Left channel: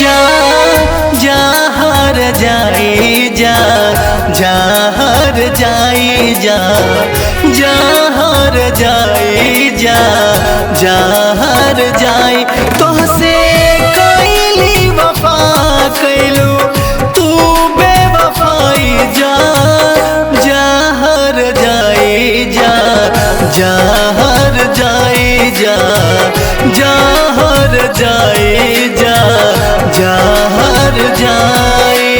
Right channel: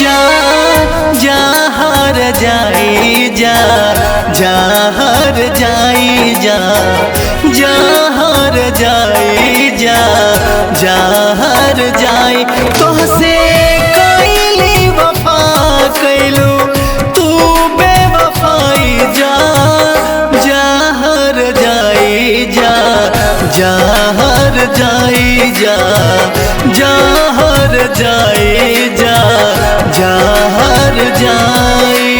जा जा हर जाई जा जा हर जाई जा जा हर जाई जा जा हर जाई तोहसे कैली वफा कैलू तू बेवफाई जा जा हर जाई जा जा हर जाई जा जा हर जाई जा जा हर जाई।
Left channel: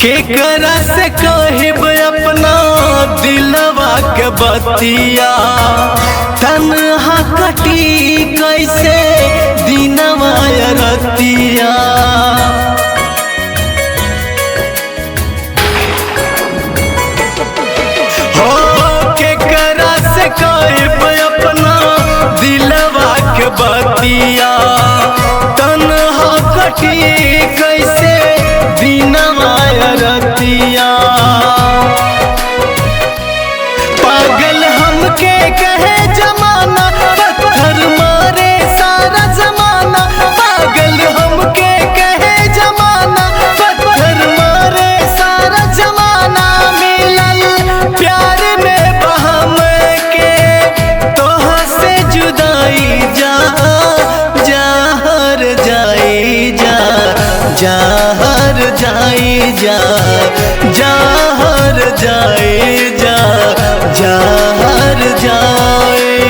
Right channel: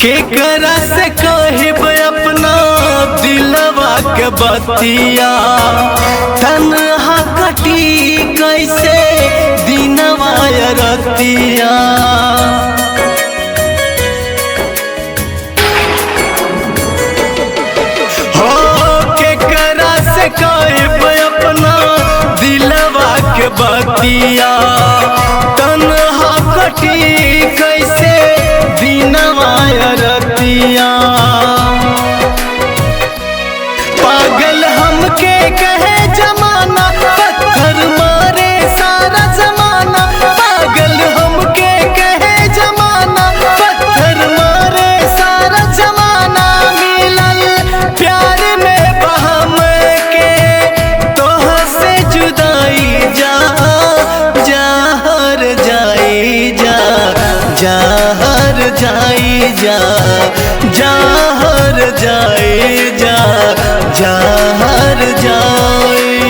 केकरा से कहब अपना दिलवा के बतिया तन्हा कटी कैसे दिनवा रतिया हो केकरा से कहब अपना दिलवा के बतिया तन्हा कटी कैसे दिनवा रतिया पागल हमके कहे जमाना पत्थर मारे सारा जमाना पागल हमके कहे जमाना पत्थर मारे सारा जमाना मिलल प्यार में बहम के तोह से जुदाई जा जा हर जाई जा जा हर जाई जा जा हर जाई जा जा हर जाई।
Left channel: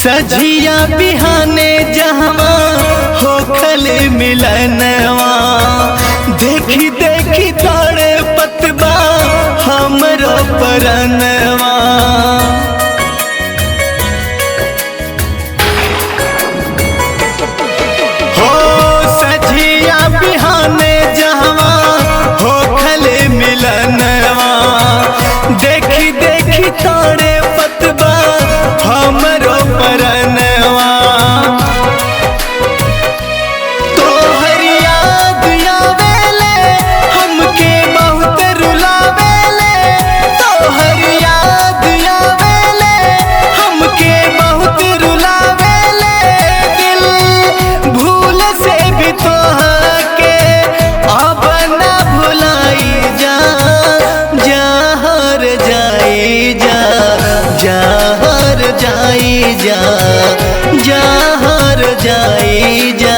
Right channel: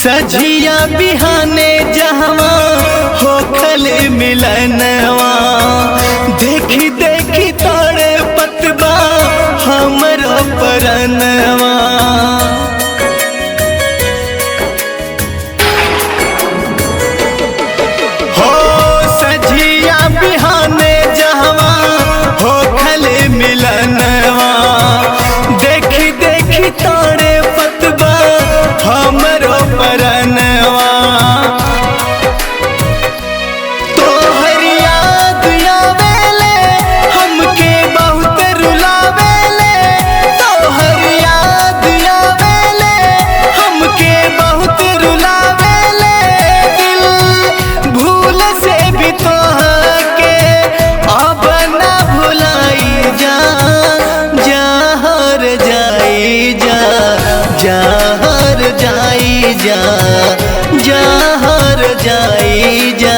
सझिया बिहाने जहवा होखले मिलनवा देखी देखी तारे पतबा हमरो परनवा हो सझिया बिहाने जहवा होखले मिलनवा देखी देखी तारे पतबा हमरो परनवा तोहर याद आवेले हमके बहुत रुलावेले तोहर याद आवेले हमके बहुत रुलावेले दिल भूल से भी तोहके अब ना भुलाई जा जा हर जाई जा जा हर जाई जा जा हर जाई जा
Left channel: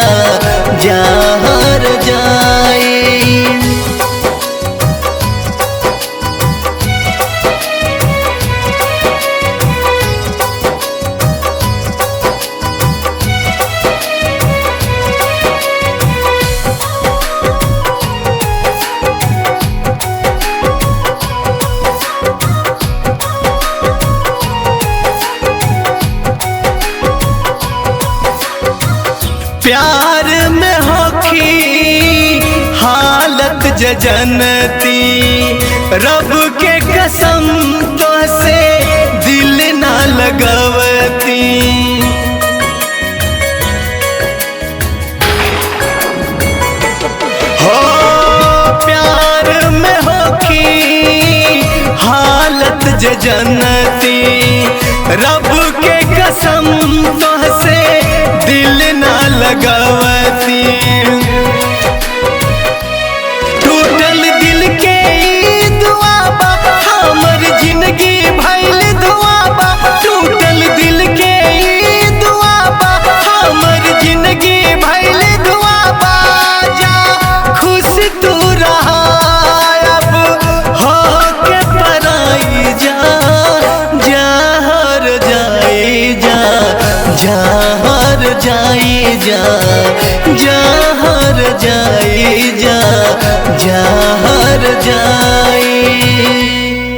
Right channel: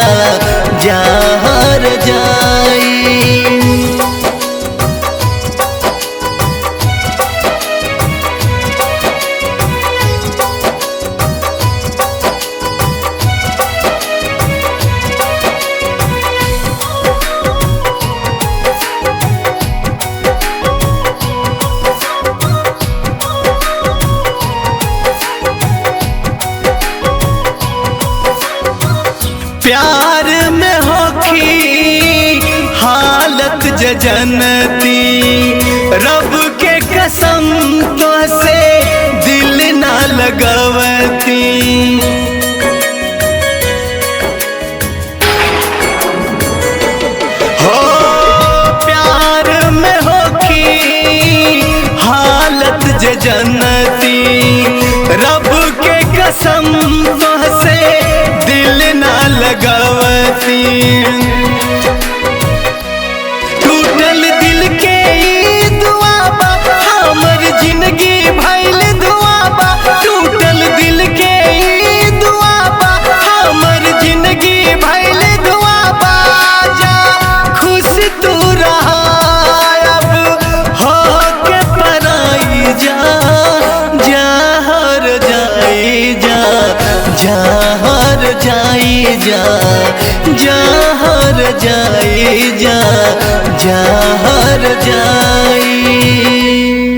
जा हर जाई। प्यार में होखी हालत जजनती रब के कसम तो से दिल ना लगवती हो प्यार में होखी हालत जजनती रब के कसम तो से दिल ना लगवती टूटल दिल के ई दुआ बा हमर जिंदगी भइल धुआ बा टूटल दिल के ई दुआ बा हमर जिंदगी भइल धुआ बा जा खुश तू रहा अब हो के पराई जा जा हर जाई जा, जहर जाई जा, जहर जाई।